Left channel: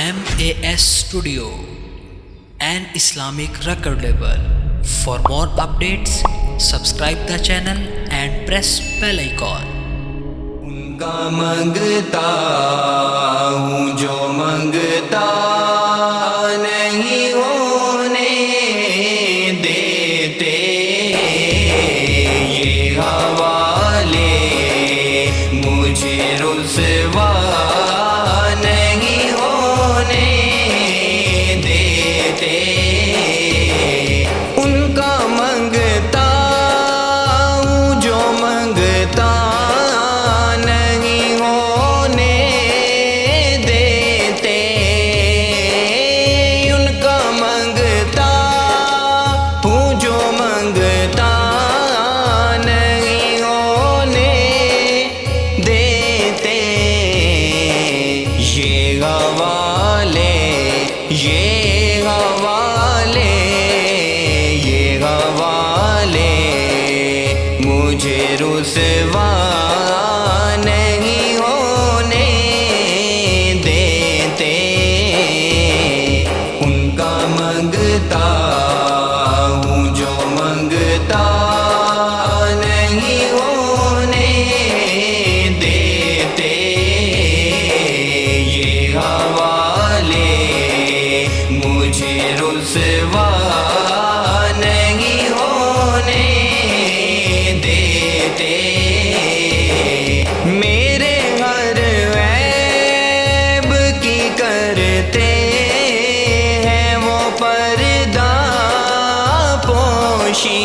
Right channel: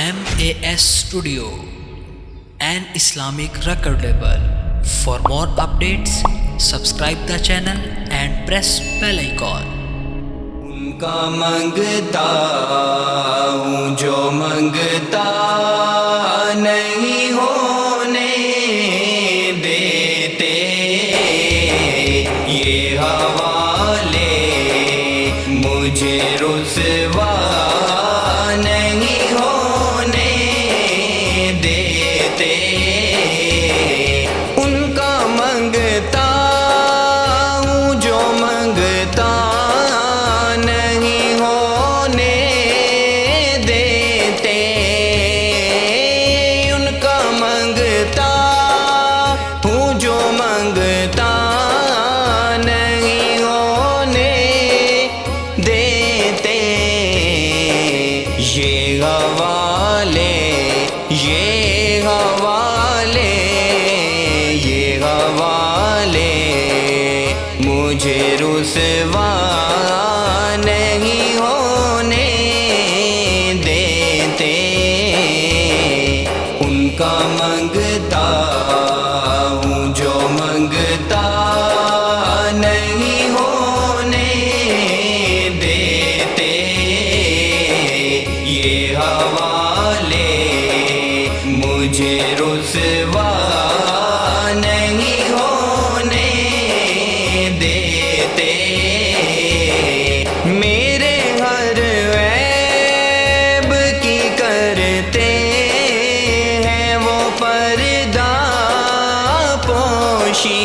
MAS Studio, an Islamic record label. For more updates, subscribe the channel and press bell icon. उनका मंगता हूँ जो मंगता नहीं होने देते, ये हवाले मुझे रुसवा नहीं होने देते। उनका मंगता हूँ जो मंगता नहीं होने देते, उनका मंगता हूँ जो मंगता नहीं होने देते। ये हवाले ये हवाले ये हवाले मुझे रुसवा नहीं होने देते। उनका मंगता हूँ जो मंगता नहीं होने देते, ये हवाले मुझे रुसवा नहीं होने देते। मेरे हर ऐब की करते हैं वो पर्दा पोशी,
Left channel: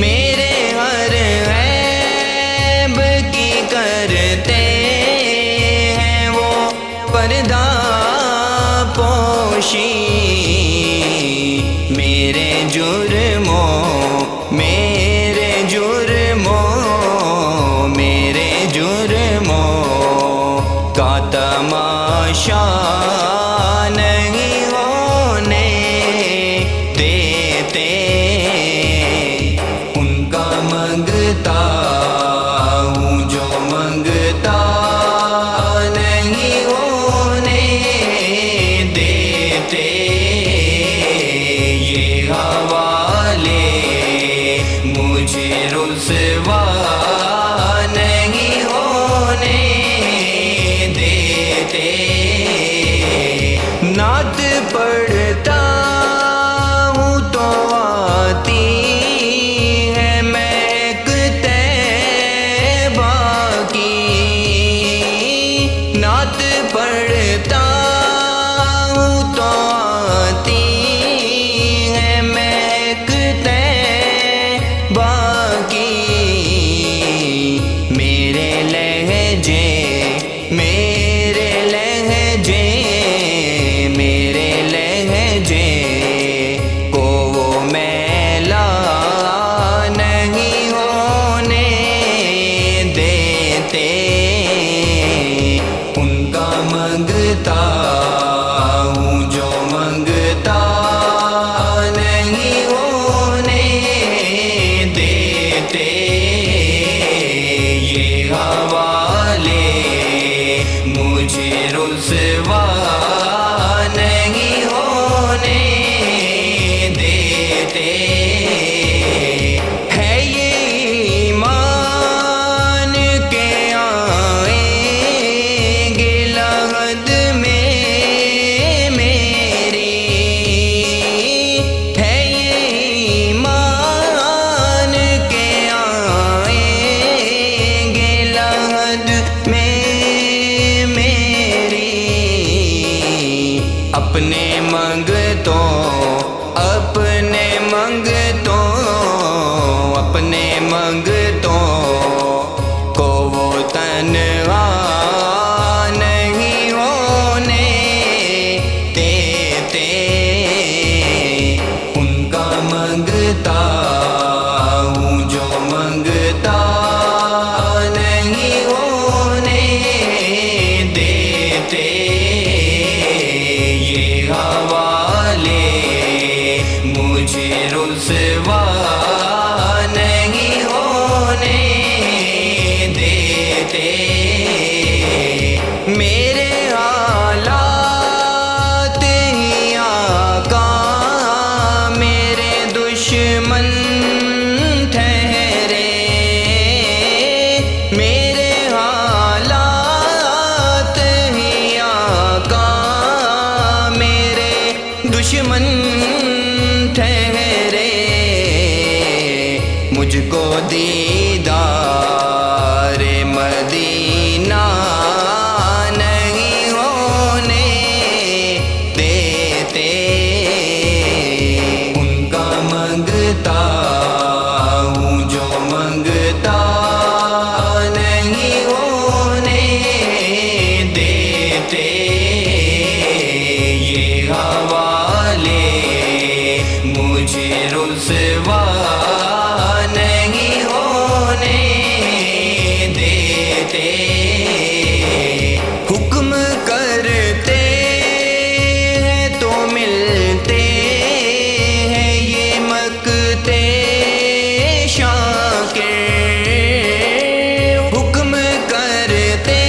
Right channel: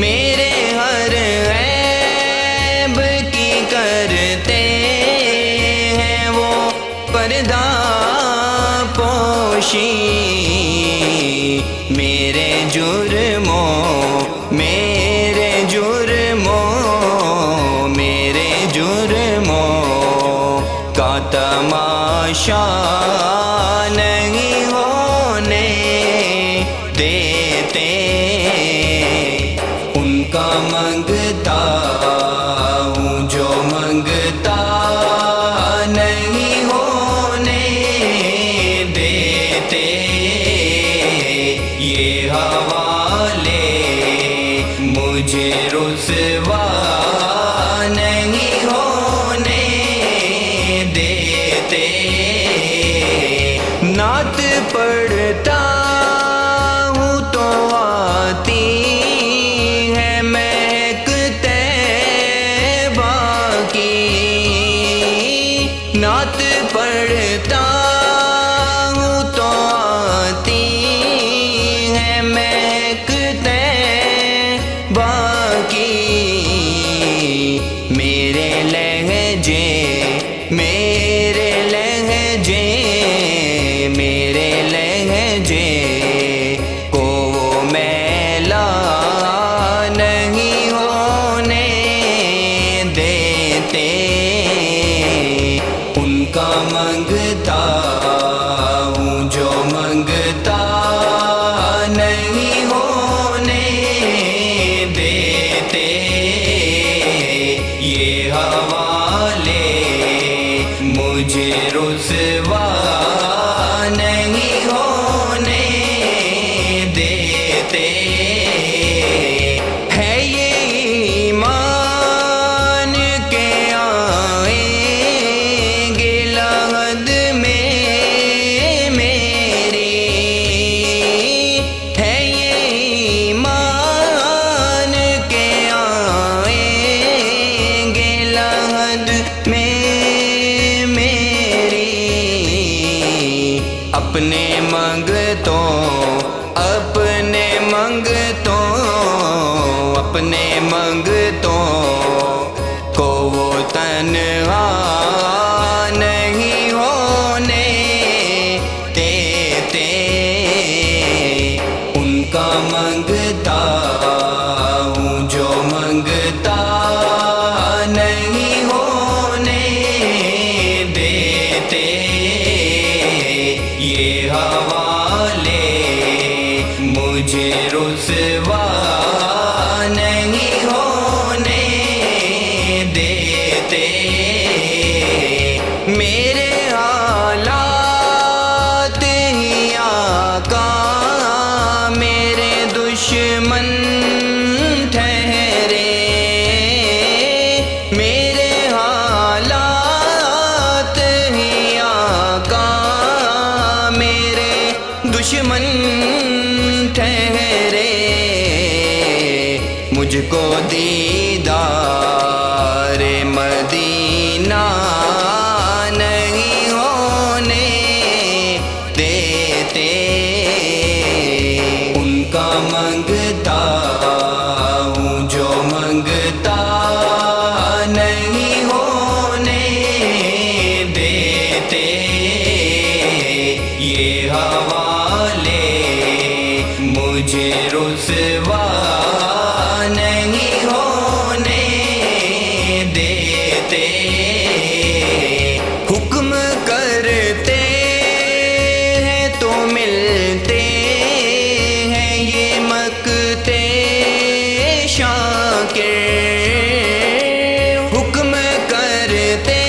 मेरे हर ऐब की करते हैं वो पर्दा पोशी। मेरे जुर्मों मेरे जुर्मों मेरे जुर्मों का तमाशा नहीं होने देते। उनका मंगता हूँ जो मंगता नहीं होने देते, ये हवाले मुझे रुसवा नहीं होने देते। नात पढ़ता हूँ तो आती है महक तैबा की, नात पढ़ता हूँ तो आती है महक तैबा की। मेरे लहजे मेरे लहजे मेरे लहजे को वो मैला नहीं होने देते। उनका मंगता हूँ जो मंगता नहीं होने देते, ये हवाले मुझे रुसवा नहीं होने देते। है ये ईमान के आएंगे लहद में मेरी, है ये ईमान के आएंगे लहद में मेरी। अपने मंगतों अपने मंगतों अपने मंगतों को वो तन्हा नहीं होने देते। उनका मंगता हूँ जो मंगता नहीं होने देते, ये हवाले मुझे रुसवा नहीं دشمن ٹھہرے مجھ کو دیدار مدینہ نہیں ہونے دیتے، ان کا منگتا ہوں جو منگتا نہیں ہونے دیتے، یہ حوالے مجھے رسوا نہیں ہونے دیتے، حکم کرتے ہیں تو ملتے ہیں یہ مکتے شاکر، حکم کرتے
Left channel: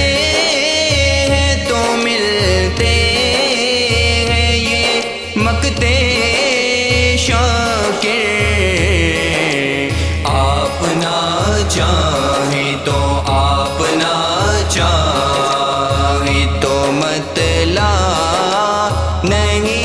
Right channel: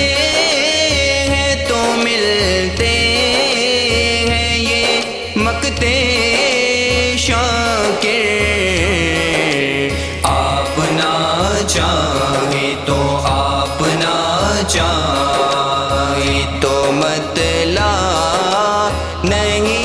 ہیں تو ملتے ہیں یہ مکتے شاکر، آپ نہ چاہیں تو آپ نہ چاہیں تو مطلع نہیں